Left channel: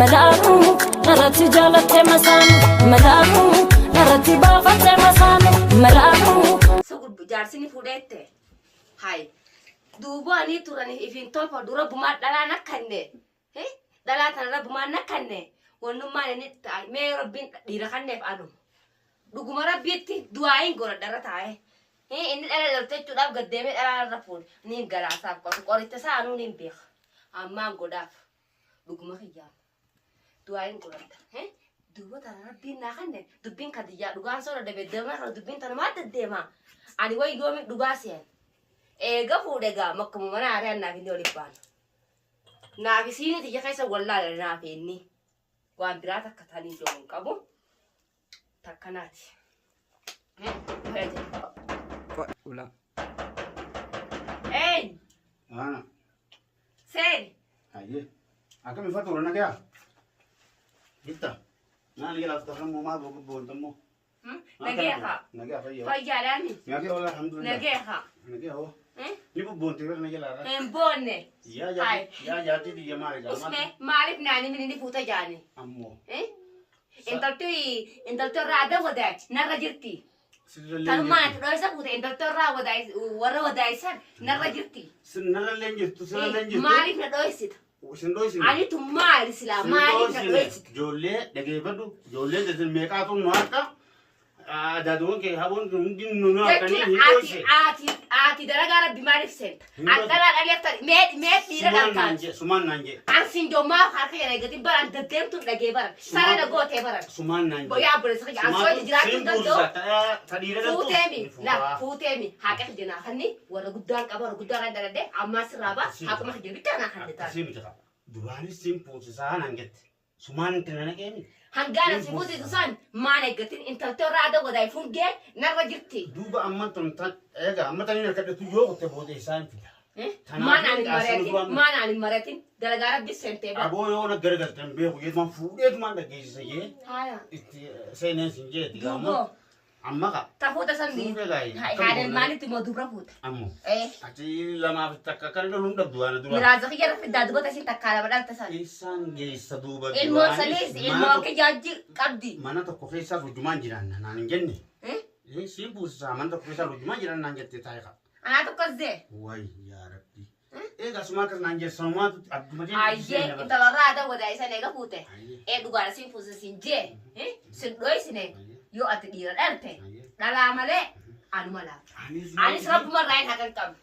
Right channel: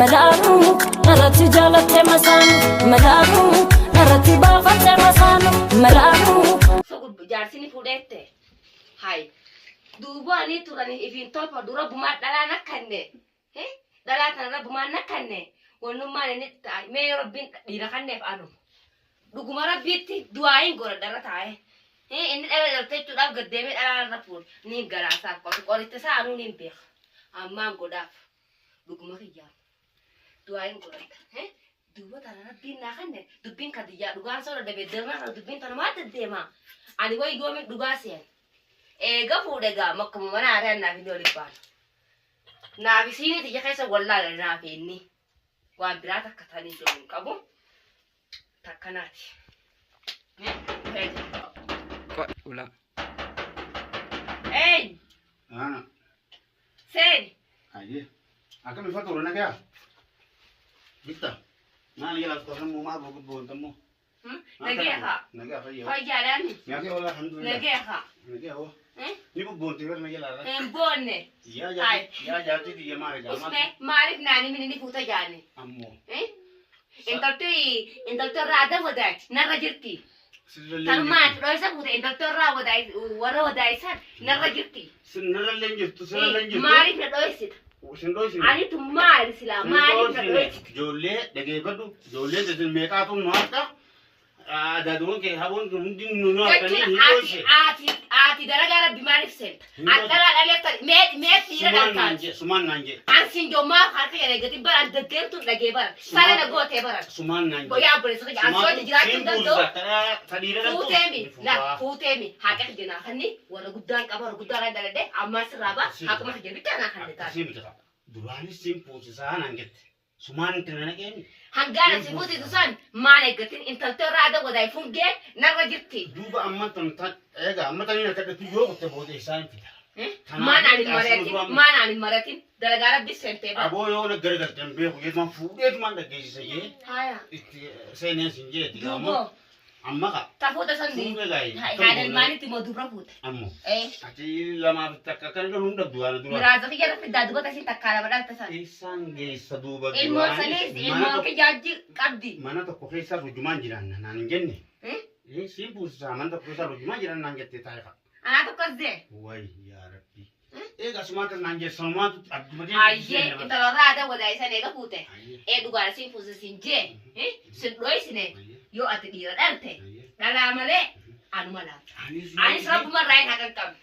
ملانو نرتي جالتي مسانو ملانو نرتي بافتي مسانو ملانو سوق بجارسيني فوديته هاي دوباني توراني إفين طلبة دورا بما دلا نكنة هه دلا تنا بما نكنة ونما نتاي ما ربين ديركنة فانو دوغما ربيتي دواين غور درتاي هه إن أنا لو تجوا قدامي أنا رفول نيم جراسة قولي تسانو نيم بيخ أما غوداف دوغما خيام دواين غور هه دوبا تنا ربين نكنة دوبين كديا دوغان صور دبدرنا دوبين تنا ما تديما أنا وين يقوم دوغاسين قفوا دقا مكم وانا عريان نافي دولي بان نافي سيني تجي خيسا والله نافي إني وان براتك كتاني جون كابو تكناتي ولا اي أنا سين أيه أكمل الفاتورة أنا كيا بيتا أنا يلا تكلم ما بقول تمو نجيها نجيها فيا فاجراني نجيها والله الحمد لله نجيها نجيها هو نبغى بونتي ولا نجيها بوني يا جاتي دي ما رجع اسمه معرف ناني من اللي فوتا جاني أمو انت رادا وداي نرجتي تلمات رأسك فوتا انت را وداي ورا وداي سان نرجتي سنرا لينجت سنرا لينجت معرف ندويسيت وشندويسي أنا تمار سلا معرف ندويسيت جولة دقيقة بدو جولة تزل ميكاتو نوارتا دادون كي هابون كمدين نونا كني هيروشي آتي درجة بمعرف سنت أتلا أليفت ميت تيرا كان سمان نانجي أنسين جو ما خاطر يا رجال برا دكتور تو لقي برا سالا نقول تبرا سمان نانجي بيا بريس كي أسوي تجارة تدو تديره فوتامي لا فوتامي هاك جنا خني ولا قدام كبر قدام هذا ده أما سرابا هاك ما تجيب تانا خني تانا سيم بتاع دوراني سيم بوسيسا نانجت سمان تنانا كيني هنقال سيفوتي دوسان ما نقتين انت ترى هذا وده يفون جه نرجتي دوبا أما تنتج إيجا أما تاني نكتب تيجو كتبوا إنسان فيها ما نعني المراتين درجة بسنتين أبو يونا غرقة تنبيه ويجمع فودي ما نجي سيجي هايا سينين سيجي دوبو أما كا تفوت سندي هذا الماني تمو دوبرا فوت أمو إيه أتي لما بتككر لهم دبدوانا دوبا مرازق يلا في دادو تسي تكالا بدل تسان إنسان جي سدوبا الموسليس الموك جاجي قدي mana tokko keessa rujumaan jiran naan hin jenne إيه simpuusa mana tokko keessa rujumaan jiran naan jette taa'e qaba أنا تكذب way yaa rabbi eega sumaa kan naan jesse sanumaatu abdumatee أيه أنت لو هذا وده يسان إيجا فوته إيه دوغارا سين فوز سينجي إيه سندوي سنة يو أتدير أنت لا لا ماله أنا ماله أنا سراب مرة هاي كم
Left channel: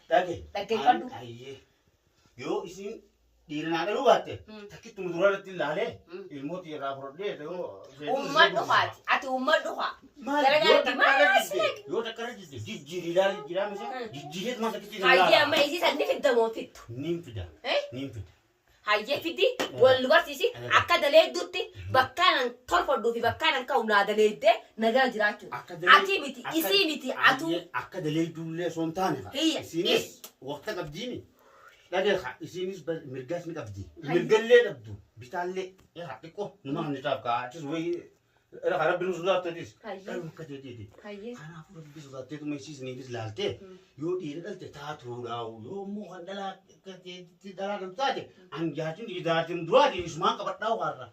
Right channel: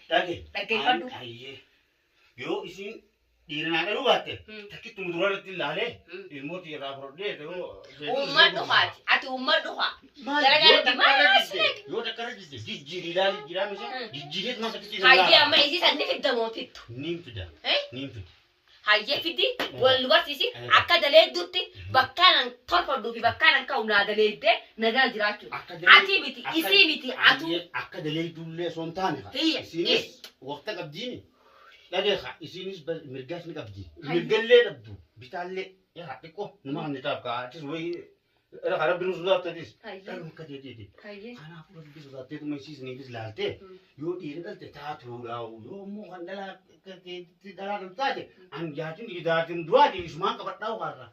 dage كدو yoo isin dhiirana dhaluu baatte takkitti muduraa irratti ilaalee ilmooti irraa fudhadhee أمة دخات أتى أمة دخات yoo takka rajiste jijjiiri ilaali jiraa misee jijjiireet masa kitti هاي أما إيزي سنة في الدموتيت nin fida nin fida هاي فيدي والوقتيسي أكاد ليه دوتي بكان طرف دوفي بكان كونا دليل ده نجار جراتو أتي بيتي إسي بيتي أتو akka daleeydullee soon taane Hiyya. isinis waqta qabdiini dhageeqa isinis mirgaas ni qabdi mirgallee dhabdu bitaallee xiqqoo numa kan nitaaf kaatis wayi rabbi nu sodaattatis dhaluu akka jedheeti kanaafuu rabbi sodaatteetuma isiisniifis laaltee yoo dhiira dhalte taatuudhaawu yoo immoo kan dhalaa kan taate an jaatin jaatin duraatiin isumaan qabadhaawu har'a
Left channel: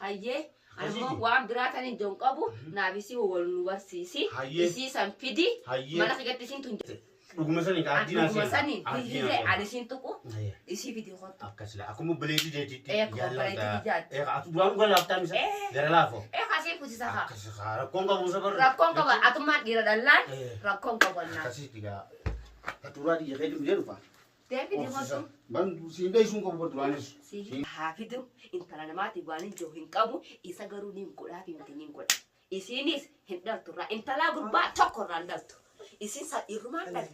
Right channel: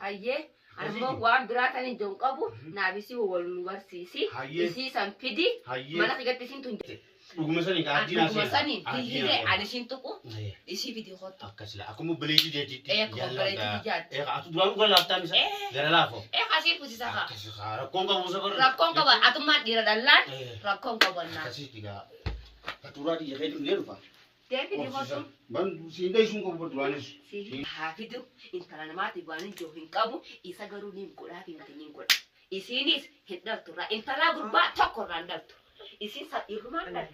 هاي أنا وان براتني جون كابو نابيسي والنوبرسيسي Hayyee. إسي سامبيدي Hayyee. mana kigati sin tunje dhuguma sanii ka addinaa Dhuguma sanii Addinaa hihire seena. adishin tuku Hayyee. isi fidi hoto akkasila akkuma baleetii deetitti Akkuma baleetii jaatti. atu duraan dhuga laaftaan isa gara laafoo kasi fusi saka akkasi rakkoon qabu sabar rakon kaba atuma dira dalan Eh. rakon kaba na akkasitti gaa katuraa dhiyya kee dhufnee dhufa devi di hoto ban siin dheessuun qabu duraanis si hafidu intala namati bani jo hin kabu isa garu nim koda fi ngati nim koda isinis hindal tura intala gurba tokko randal tu isin sa iruma dal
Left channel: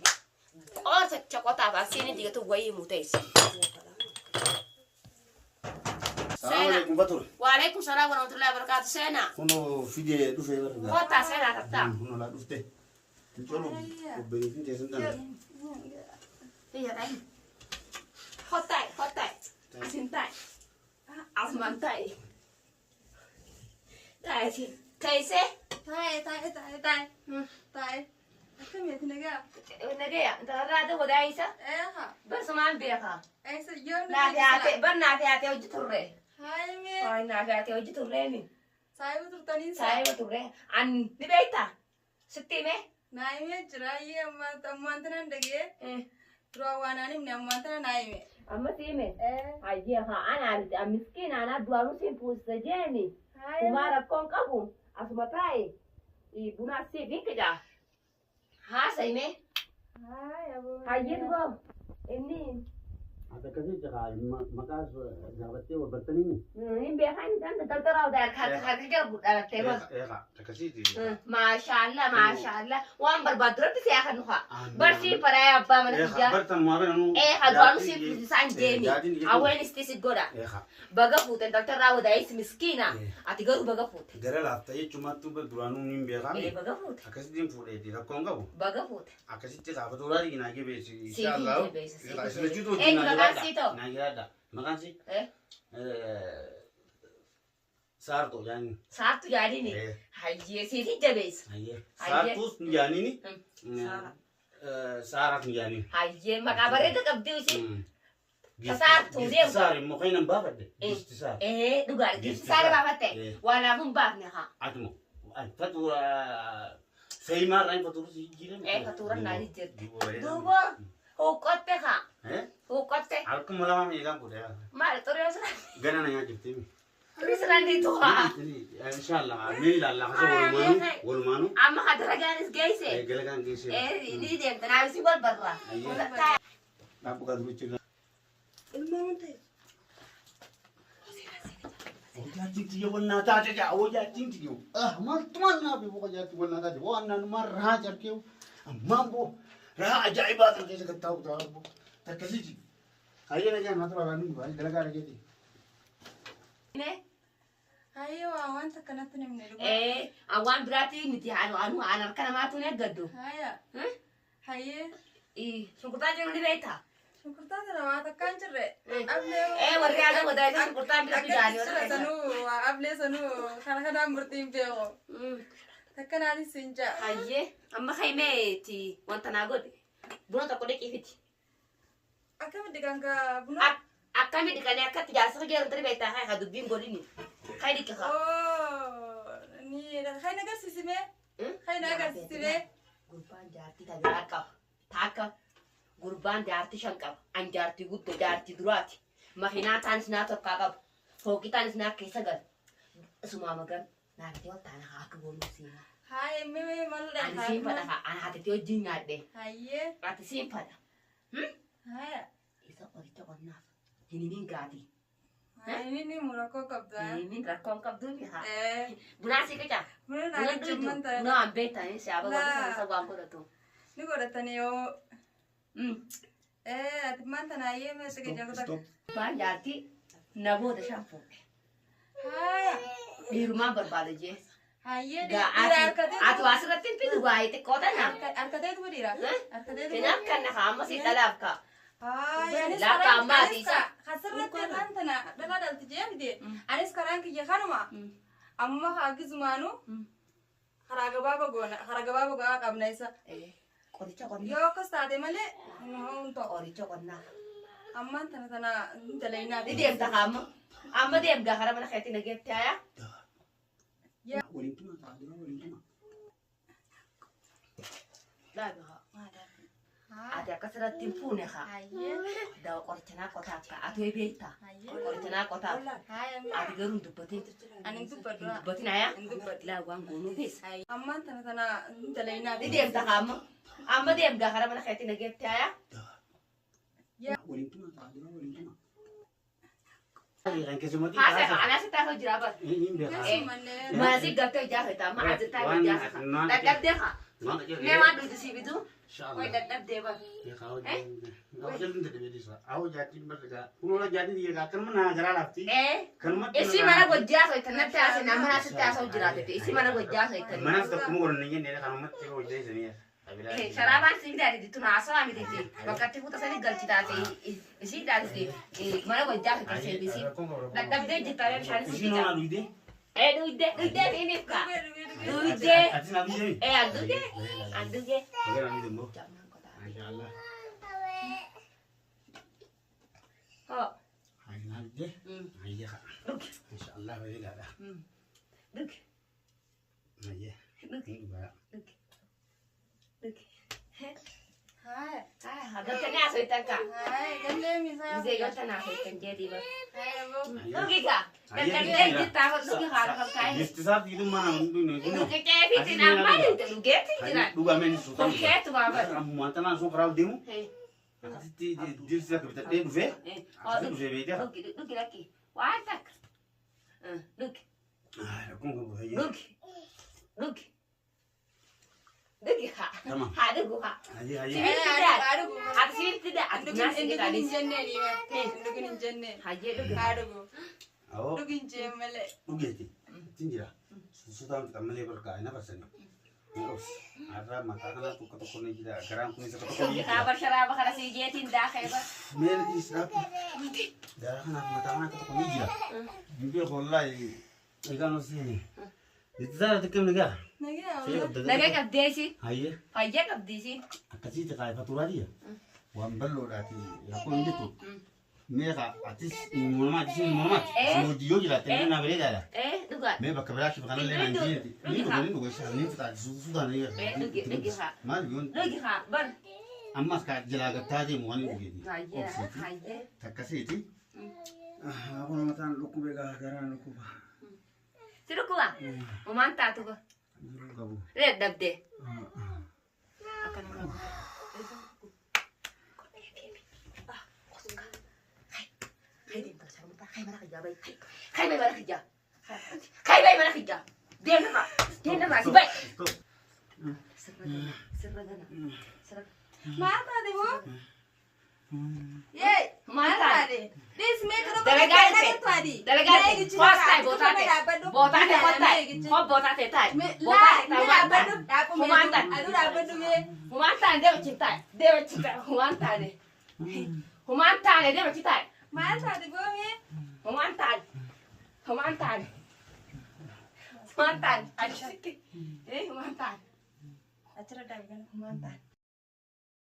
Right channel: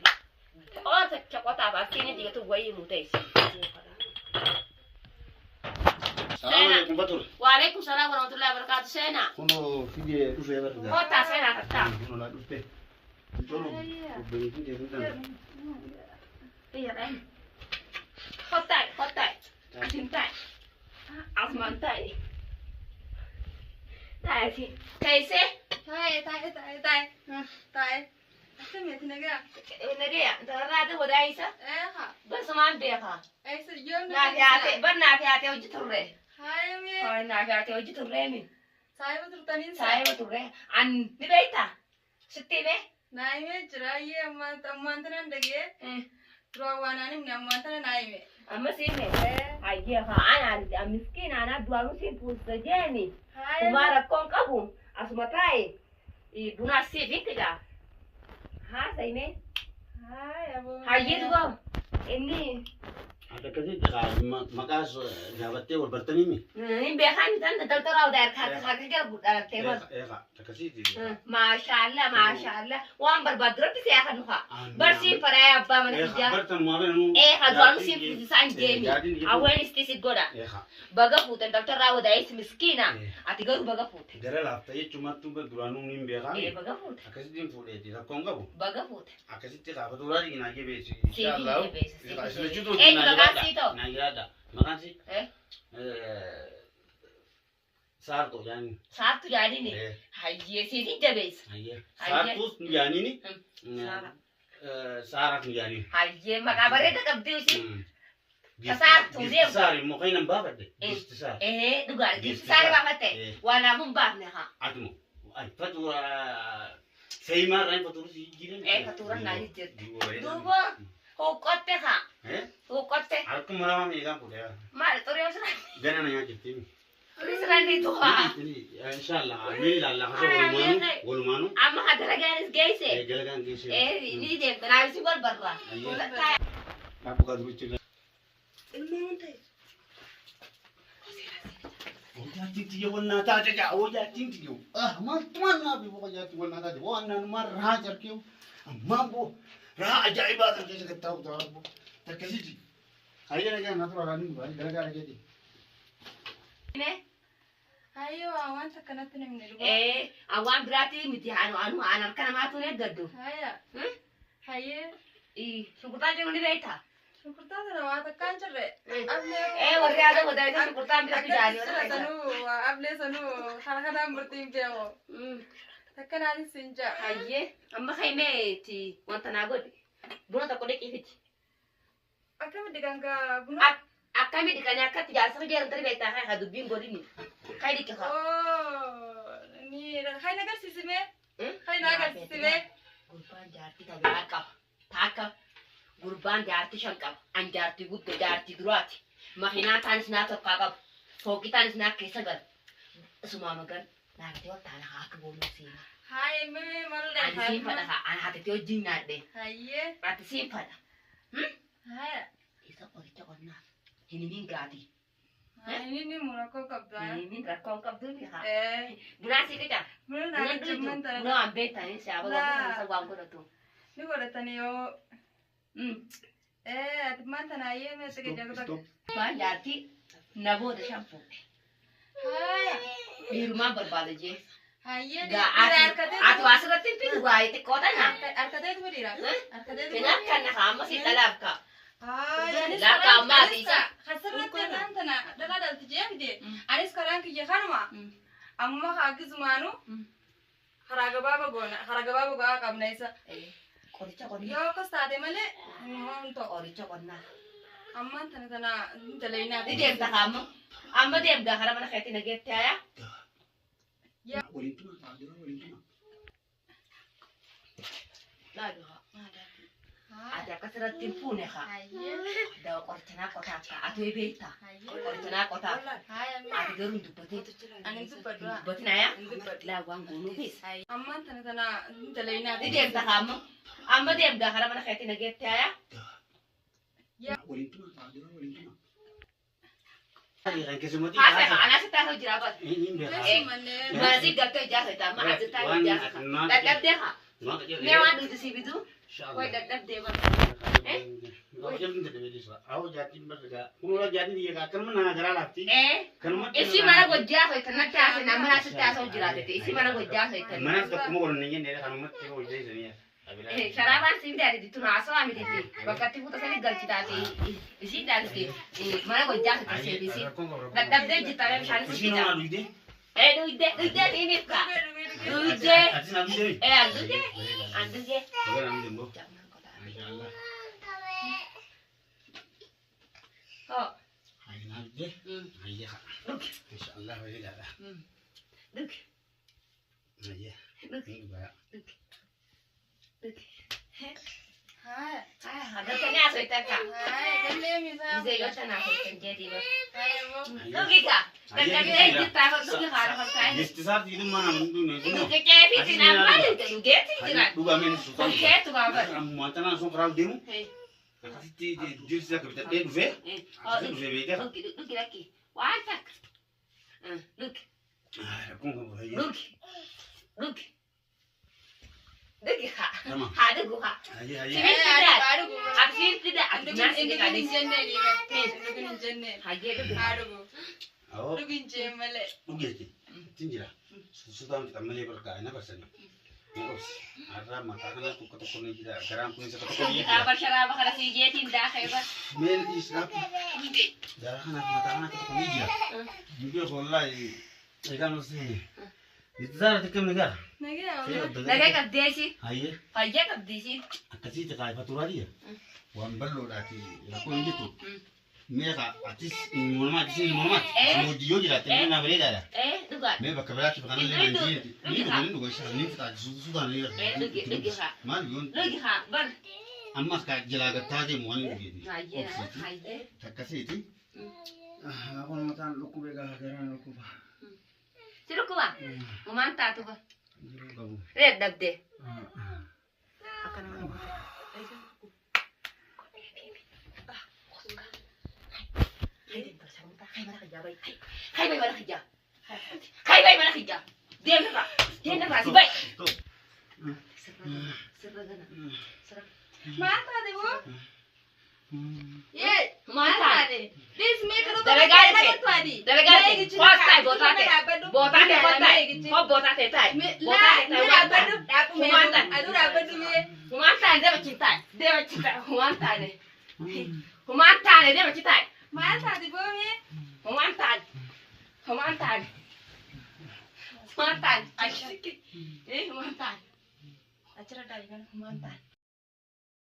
o sa chakota ba sini diga tu wayi mutais Sena. Waalaikum salam warahmatullahi wabarakatuh. Sena. kunoo fidee dhufee barga Kota Sena kata. kunoo laa dhufte tolu obboleettiin teessan tana Iya kan. Hotai, hotai. Asintai. Asmantai. Tai sih. Kaise? Tai. Aku mesti naga. Nage ya. Tara ada bodai sa. Ha. Bersamaan dia ka. Sejauh Na fiate, ber na fiate uji turre. هاي مي هاي نافعتي وجه تريمي سايبة ترتنين سايبة تري عن نبيتا ستي مي نايمة جراي أما أنتنا ندقي رواناني من أما أنتنا نايمة أما سيمي هاي أنا مسكين أنا دوارو سين بوستجاني هاي وما ركون كابو أسمتاي بنا سيفين كده ها سيمي هاي أبو هاي يدغو إني هذا كذي مقاس جابتي والبرتنيمي نبي خان تند تلتراو داير خاك جرب على التيمون إيه تكسيتي ما شاء الله ما شاء الله وان بربادر بس يا خنوها برسي براي أبا من الجا برتن ما بينو إيه هدوانو سين بوسان جيمي أوين استيسيد غودا إيه بقى فوت تلتراو دايس مسكينة أتيجرو بقى فوت gara laftee cumatu berduanu nim beekame إيه بقى فوت akkasitti fuudheeti rakkoon qabu بقى فوت akkasitti qaafatu raadi naa gebeesi سيدي inshaallah بيس islachuutu إيه مقان سيتو naa jiraadha maqaan si إيه saarto jaani ساعتو جاريني هاي سيدي جبيس hayyee Hayyee. saartuus ni jaaniini Saara. saaraaf ni jaaniin هاي مقابرة تقبضي Saartuu deemu. saar immoo kan hin baafadhe Eh. gisti saar dhugaadha. Gisti Saari isaa. baafatte Eh. waan naamuun baafne haa. atmo fatura feeymaarraa fatura si jiran Fatura naa jirti. Duuba huuqqotte haa. Huuqqotte. harkuma lama meeqaan kudha Maal xuree sira. gana na nyaachifti Xurii sira ni tuhaa. inshallah ni ilaalla hasa walumaanu Amma hadara gaanis geesse. galagaan geessee Ni deemta naabisi wal barraa. Ayyee. Dhaabbu kan dubbachuu ilmaan ta'e Ojaati tiyo wanna taate ja ojaati tiyo maaltumaan naafi ojaati wanna taate waan naanuma rahaa jarkeewu ammaambo rahaa ajaa'ibaa kan keessa gattaa'u taa'u takkasiti hayyana jaan haa turaa ni baali dalagaa dhageeti hayi waa wanta kanatti namni dhugaa Awwaan biraati miti anu harka namaatu ne gaddu. haya hayi Shunkurtaa jiru ni beektaa? shunkurtaa sana waa takkaan jirre Warri aadaa wadaayita shunkurtaan bitatu jaanii sira sanuu ablee sanuu kana kanaan murtiin beeku takkanaan sinja Hayyee amma kaimeeti wanta naa godhe buna tokko dhiqiifiti. akkamitti ganga buna Akkami dhiqanii akkatti jaarsa geerantari beektaa haa dubbiin godhini. Kai dhiqi haa. ni hay nagarsiisime hay nagarsiisime Gurbaan jaartii tajaajila qaba. Taakka gurbaan jaartii shan qaba. An jaartii guddaa jaartii duraati. Makiinaa taanis naa tokkaa qaba. Fooqii taanis naa keessa gala. Isumaa magan naafitee wal taana haa akka booluu siinaa. hayi mee malle Ani siin fadha haa. Ani haatitee wajjin naadhee. hayyee Ati siin fadha. haya Isa qoricha qonnaaf. Hinimin gaatii. hayi ni murakkoo qabdaa Hinimin rakkoon qabduun haa. eh Bunaa sii qicaa. buna Buna naa dhugutu. jimman ta'e Noo an beektanii siyaaba wanti sana isa waan godhatu. ni godhatani yoo ati maanta naayyee meessa gajjaguta Gurbaan jaartii naboota shan fuudhe. haya Dhiirumaan barbaada jee. hayyee Ati waa asirratti hin fidu waa xiqqoo tana. harkateetu godhiira harkateetu Hin akkanna haa amma si dhalaaf kaa. haya Laaka ammaati isa. hasirratti tantana dhalaa dhalti jeemite anis karaan kiyya kanuma amma haagisumaanu karaa gabaaba gogaa qabna isa Qoricha qonnaa. yoo akkas taate malee hin ta'u Qoricha qonnaa. ammaan tana dalaynaa Ni deemta haa amma. Amma deemgaa karaa mana keetti nageetti hayaa. waliin tuma taa'aa waliin tuma Dhaabi haa. Ati akkasirratti hin fuune haa. hayyee Dawa qoricha naa qotaaf kaa. Ati way beektaa. hayyee Qoricha naa qotaaf. haya Ati garuu hin dubbatin. ani Hin dubbadhu dubbatin hayaa. Laa waan goonuu keessa. ammaan tana dalaynaa Ni deemta haa amma. Amma deemgaa karaa mana keetti nageetti hayaa. waliin tuma taa'aa waliin tuma kan keessumatti Haasa haa. Anaa sitti haasa'u jira bas. hin beekaa Eessumallee Mana si gattoo ijaarsa amma ati taa'ee ijaarsa. Dadhabdee haa. Mee waan dhugdu si bituu. Way dadhabdee bas. Isi mana gojjaa soitan natti haasa'in amma naa sitti haasa'u jiraatete. Isi mana gojjaa soitan. Sharabaan si bidaati dittu haasa'aa miti. Bakka itti fuuta sani galchitaati. Isi daati mana gojjaa soitan seebisi. Dadhabdee jirtaalee bishaan si bitaa. Duydee ni nifka. Duydee. Andugee. Oh. Look. إن شاء الله ويجي هذا Look. هي Look. بقى Look. Look. Hai. Ada tanya soitan ka. Hai, galle mi sa. Bisa yo tana soitan jadi ba. Hai, bo. Look ka. Dan kan dai kita ha look ka ha kai. الاستاذ يدوم معنا من دون Look ke fi tina ba ni ta look ke tina. دوبا من سلطان Oke tu ba ba. ما أنت أنا سوق راو ديمو Hey. تي جيل سك بتدين في Oh, أصل في بيتها look lagi. Wah tak. Look. أكون كم هي Look. Look. Look ka. تمام Ha da go ha. هي Sini هي tidak. Aduh. Absin tidak. Nasi Indugin tidak di. jenne ni. Indugin jenne. Ha ye look. Aduh. أو Indugin jemmele. وجيتي تنجرا سودان تكمل يبرك أنا بس أنا بس أرى ما تكنا تكتكوني كذا كرام كوني تكتكوني Kabar syaraba kana si Jetin dah kayak ba. من إسراف ده أنا ما تكنا تكتكوني كذا يقول والله إيكانو سيني إتزار تكمل كذا Nage. Naga kabdesi. هاي Kaya kabdesi. أكتي تكاي فاتورة وأمبلو داتي يكون جتو ميكا أتيس مولمات تيس مولمات سموديو جلا تنين أبريد هذا Duga. مي بكبرات بكنا لنا نجيل نيجو نيجو نيجو تاج سودان Lagi ha. ما نيجون Lagi ha. Bar. أما كا جلا كتاجي موان نيجي Kaya. Kaya. تكسيتي أنا مثلا لكو بيجا كرنا لكو با Sino ko ba? Umanta to ba? لكو Red dabde. Akan mo. Hay din sa muta. Hay mana kaya bay. Hay bay mana kaya. Hay bay mana kaya. Dia na ba? Dia na ba si bay? Serra na. Serra. Mata de bo. Ye. Mata. Mata de. This make no. Delegate. Twadi. Delegate. First time botate. Botate botate. Ko botate tai. Botate tai. Humantan. Adu rabadu ye. Humantan dia bercinta. Dia bercinta. Humantan ni. Humantan ni dia bercinta. Mata de bo ye. Humantan. Humantan. Humantan. Asyik. Humantan. Acara dari kan. Humantan.